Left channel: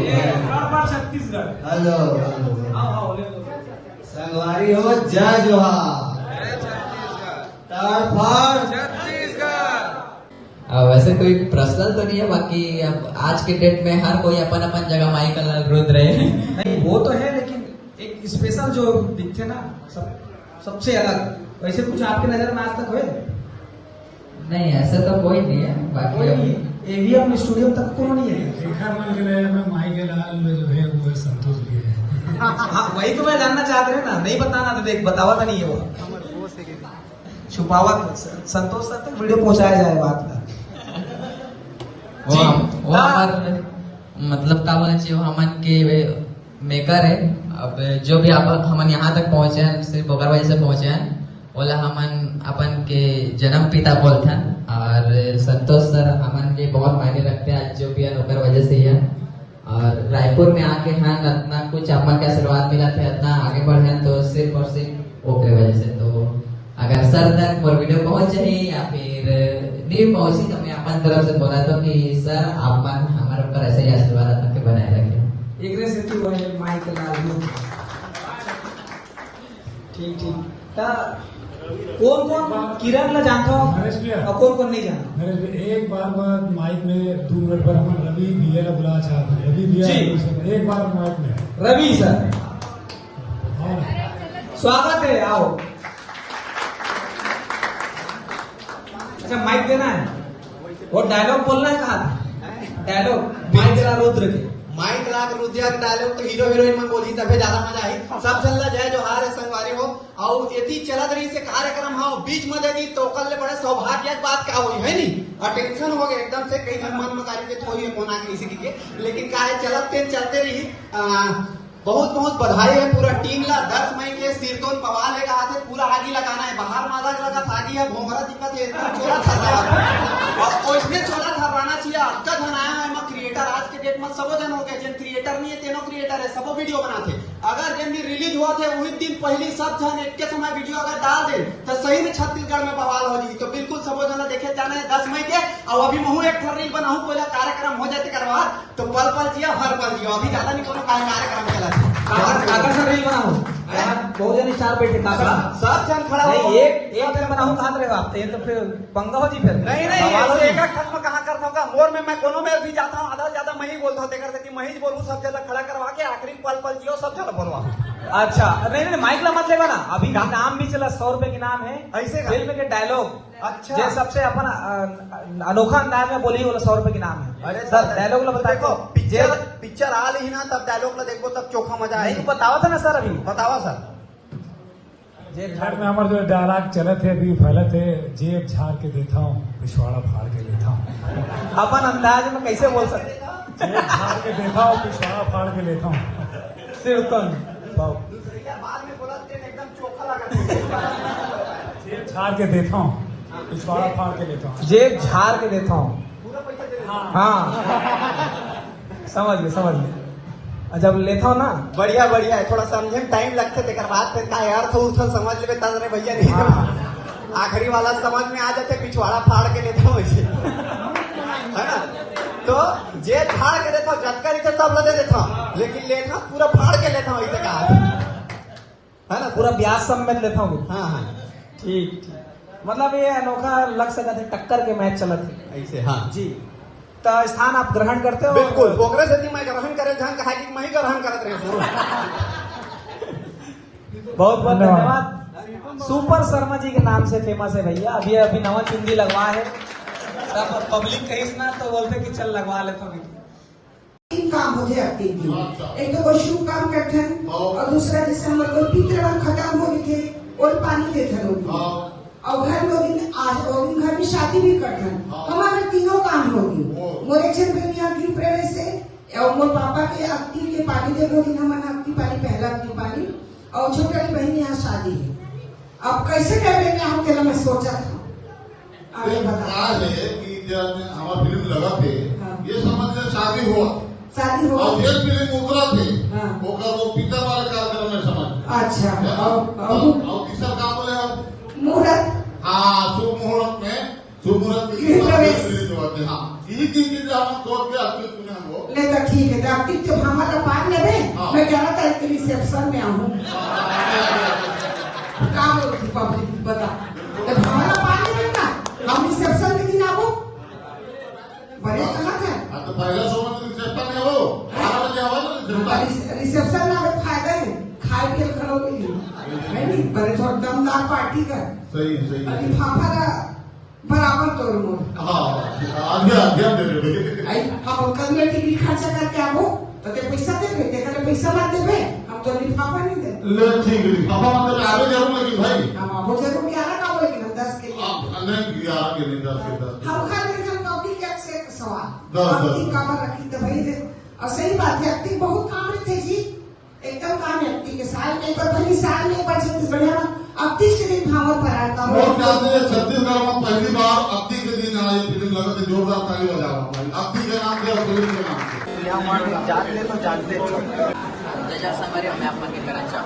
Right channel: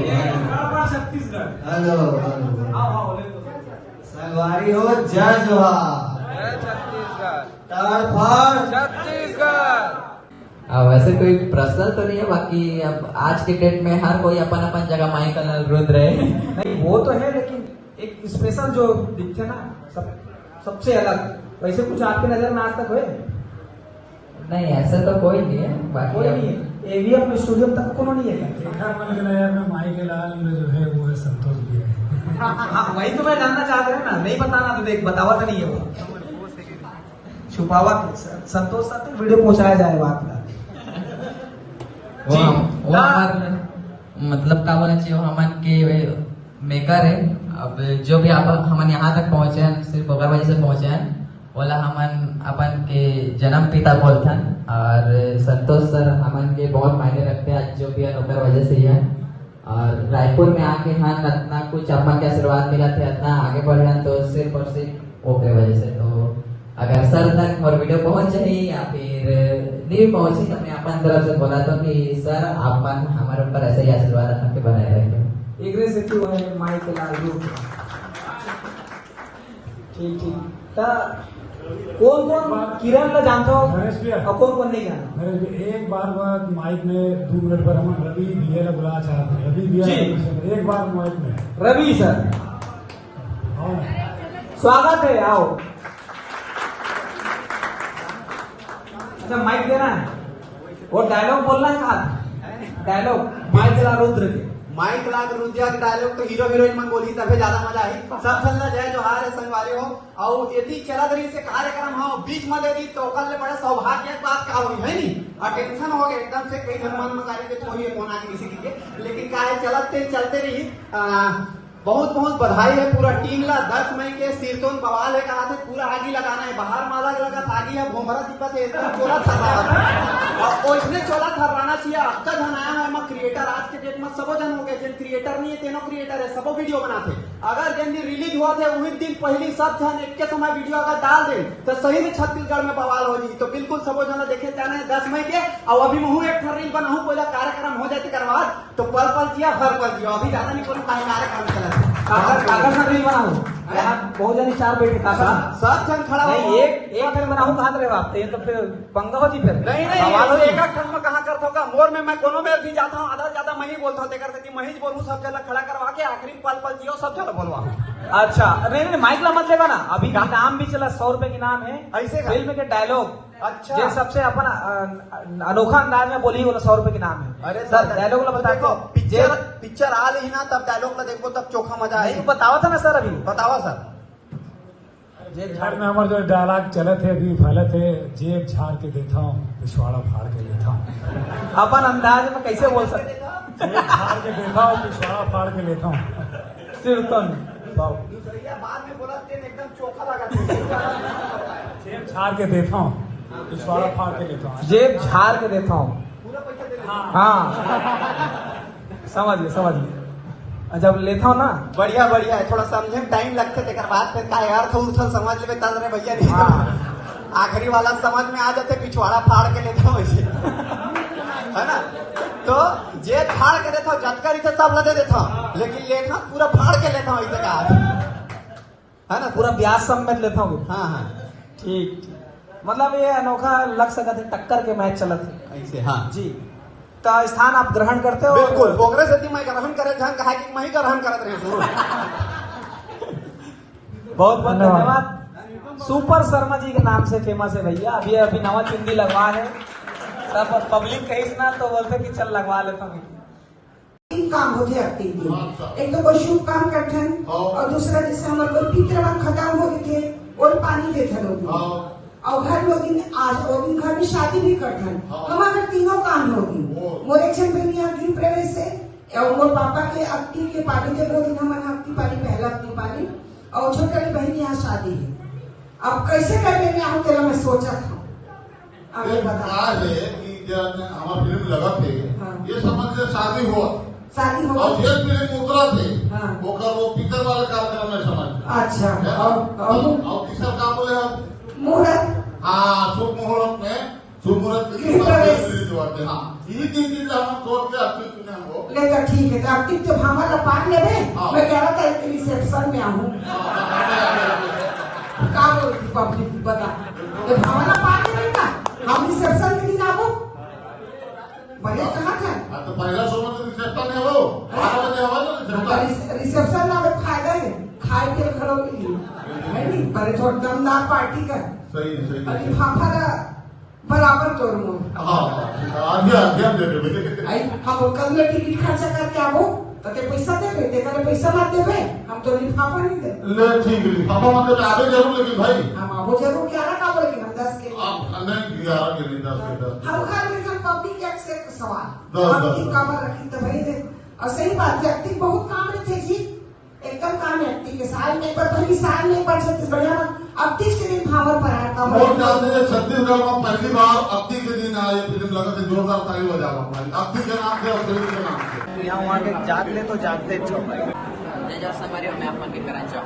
Chhattisgarh. Hello संगवारी हो, जय जोहार, ताड़फाड़ छत्तीसगढ़। वैसे कोई पर्सनल तो नहीं है, बाकी अब आज के डेट में हर कोई अपन अपन जगह माई का रुद्र रहे। नहीं वो तो है, लेकिन एक स्पेशल जो दिखते ना सबसे अलग, वैसे कुछ आपके नजर में आज तक हुए? नहीं ऐसा तो कोई नहीं है, बाकी कोई एवीएम स्टूडियो तक को नहीं है। देखा मन के नया में माई के लाल में जो है वो संतोष भी है। हाँ वही तो मैं जानना चाहते हैं ना, नहीं बताना तो देख बतावा तो नहीं है वो, छुपावा संतोष तक वीडियो पहुंचाया जाएगा आपका। वो हमारे मतलब क्या बोलना चाहिए, वो हमन के मेकर है। अब जो भी आप हमन यहाँ तक पहुंचे हैं सिर्फ बोकर वजह से पहुंचे हैं, बोला हमन अपन के जन्म पिता बोलथन। और संतोष सर हमन के बहुत मायने रखते हैं, जो भी ओकर वजह से ही है। और रायपुर में आके हाँ इतना कुछ अपन के आशीर्वाद मिला थे, इतना आगे बढ़े तो सिर्फ और सिर्फ ओकर वजह से। तो अगर सर तक मोर वीडियो पहुंच जाए या फिर नहीं पहुंची तो मैं अपन तरफ से बोला था कि सर अपन हमारे ऊपर ऐसे ही आशीर्वाद अपन के बनाए रखें। एक से क्यों है माइक लाल ठीक कौन कौन किरण का जानते हो और कौन कौन नहीं जानते? एक बार माइक में 2 मिनट पर हम रवि भैया का बुला चाहते, रवि भैया एक बार माइक में। रवि सर स्वागत है, आओ। अच्छा माइक देना है, वो डायलॉग बोलना है, कहा डायलॉग माइक ला रुद्र के माइक लाग रुद्र डायलॉग तो हीरो हीरोइन मन बोली तबे ज्यादा मजा आई। सब चलना जय जोहार है संगवारी हो, और यदि चला रही से कार्यक्रम हाँ बीच में देगी तो कल बड़े सौभाग्य बात क्या हुई है नहीं, अटेंशन हो गए एकदम से, कई मन में के थोड़ी फोन आ किसी के, लेकिन क्या है चलते रही। बहुत बहुत बधाई है पूरा टीम ला। 10 मई के सिरतोन बवाल है, कहा थे पूरा आगी लगाना है, बाहर माला लगा आगी है, भोमरा दिक्कत है, इतना चोला छर्रा और इसमें चोला छर्राना चाहिए। आपका धन आया है मैं क्रिएटर, आज के डेट में सबो जन हो गए, जिन क्रिएटर नहीं है तेनो क्रिएटर है, सबो वीडियो बनाते। अगर जिन दिन रिलीज हुआ थे वही दिन पहले सब जन एक के समय वीडियो अगर डाल दे तो सही में छत्तीसगढ़ में बवाल हो जी। तो बिल्कुल सबो जन देखे जाना है 10 मई के। और अभी महू एक रील बनाऊ, पहला कार्यक्रम हो जाते करवा तो पल पल जिया हर पल जियो, अभी ज्यादा नहीं कोनो कार्यक्रम चला रील बनाऊ बहुत जन 4 बैठे सब जन खड़ा नहीं, एक बनाऊ कहा रहे बात तो फिर पंगा हो जी फिर नहीं एक खंड में कहा कर दूंगा मोर में मैं कोनो में भी जाता हूँ, आधा ज्यादा मैं ही बोलता हूँ, देती मैं ही बोलूँ, सब जगह खड़ा करवा के आखिरी पल पल जियो सब जगह बोलवा। अच्छा नहीं माइक ला मत लेवा ना, अभी नाम भी चला 100 रुपए के नाम है ऐसे फिल्म के डायलॉग। अच्छा ये सबसे अपन अनोखा अंदाज में बोली बोला 100 रुपए के नाम है। अरे सर डायलॉग ला बताओ, पिक्चर आ रही ना तब डायलॉग में देखो तब चोखा मजा आएगा। बताओ था ना सर, अभी बताओ सर। घर में हमारे तो डायलॉग चले थे अभी भले थे, जेब झाड़ के देखा हूँ, पिछवाड़ा फाड़ के लेता हूँ। अपन अंदाज में कैसे बोल सकते? जेब झाड़ के देखा हूँ, पिछवाड़ा फाड़ के लेता हूँ। सिर्फ बाद में बोला एकदम चोखा लगा, जेब झाड़ के देखा हूँ, पिछवाड़ा फाड़ के लेता हूँ। जेब झाड़ के देखा हूँ, पूरा पैसा दे देना। हाँ समझ गए जब लेता ना बढ़िया है, थोड़ा समझे टाइम लगते थे, बात करता है अर्थ उठल समझ ले तंग ने भैया नहीं। आखिरी वाला समझ में आ जाते, पिछवाड़ा फाड़ के लेता हूँ है ना। तो जे फाड़ के लेता हूँ, जानकारी से सब लगे देता हूँ, लेकिन लेता पूरा फाड़ के लेता हूँ इसे कहा है ना, पूरा ब्याज समेत लेता हूँ। हाँ ठीक, मतलब ये अनोखा लग सका थे, टक्कर के मैच चला थे ऐसे। हाँ जी, का स्थान आप ग्रहण करते हो? बिल्कुल, कांग्रेस यदि मैं ग्रहण करे कहा कि मैं ही ग्रहण करत रही हूँ। बहुत बहुत धन्यवाद। सुपर शर्मा जी के नाम से फेमस है भैया, अभी नवा चुंगी लगवा है, सब पब्लिक कही ना तो बोलते कि चल लगवा लेता हूँ। 3 काम होते एक्टिविटी, एक तो कोई शुभ काम करते हैं और दूसरा जैसे हमारे लोग पितरा खत्म हो गए थे और पानी देते लोग, और घर लोग आज लोग घर में शादी भी करते हैं। हमारे तीनों काम होगी, मोरे यहाँ गृह प्रवेश है और मोर पापा के अक्ति के पानी के लोग हमारा अक्ति पानी पहला अक्ति पानी, और छोटे वाली बहन यहाँ शादी है। अब कैसे करेंगे आप चलो मैं सोचा था आगे बता कि जब हमारा फिल्म लगा थे ये समझ से शादी हुआ और ये फिल्म उतरा थे वो पिता वाला कार्यक्रम में समझ। अच्छा और किसका काम बोलेगा मुहूर्त, हाँ शुभ मुहूर्त में शुभ मुहूर्त में हाँ हम सोच के अपने सुने हमको लेगा ठीक है कार्तिक तो हमारा पान ले मैं कह रहा था रिसेप्शन में आऊँ क्या बोलती पब्लिक बता जब हमारा पान ले का हम रिसेप्शन के दिन आओ बड़े कहाँ था तो पहला सोना तो रिसेप्शन में हो 12 बजे आवा रिसेप्शन में फायदा है खाए के करो नहीं बड़े थोड़ा दमदार पार्टी का सही है लिफाफा का बराबर तोड़ मोड़ आगे दे दो हम कल टिकट खर्चा करके आवो तो ते पैसा दे दे करे पैसा ना देबे हम तो लिफाफा नहीं दे ले ठीक है पापा मतलब आवे जरूर लेकिन भाई हम आवो जरूर क्या ना बोले कि 10 के आप नहीं किया आगे नहीं 10 के 10 हम खाली में पब्लिक टैक्स से सवाल 10 की काम रखी तो भाई दे और सही बात है एक्टिंग बहुत काम है जी एकदम काम है एक्टिंग के साल में पर थोड़ी साल में पर छत्तीसगढ़ में अब 30 के दिन भावर पर आता वो कहते हैं छत्तीसगढ़ में पहली बार अब्दी के दिन आए फिल्म लगा तो जोरदार ताली बजाओ भाई अब्दी के नाम से और फिल्म के नाम से तो यहाँ वहाँ जात ले तो जानते त्याच्या संगारी आम्ही आपण करायच्या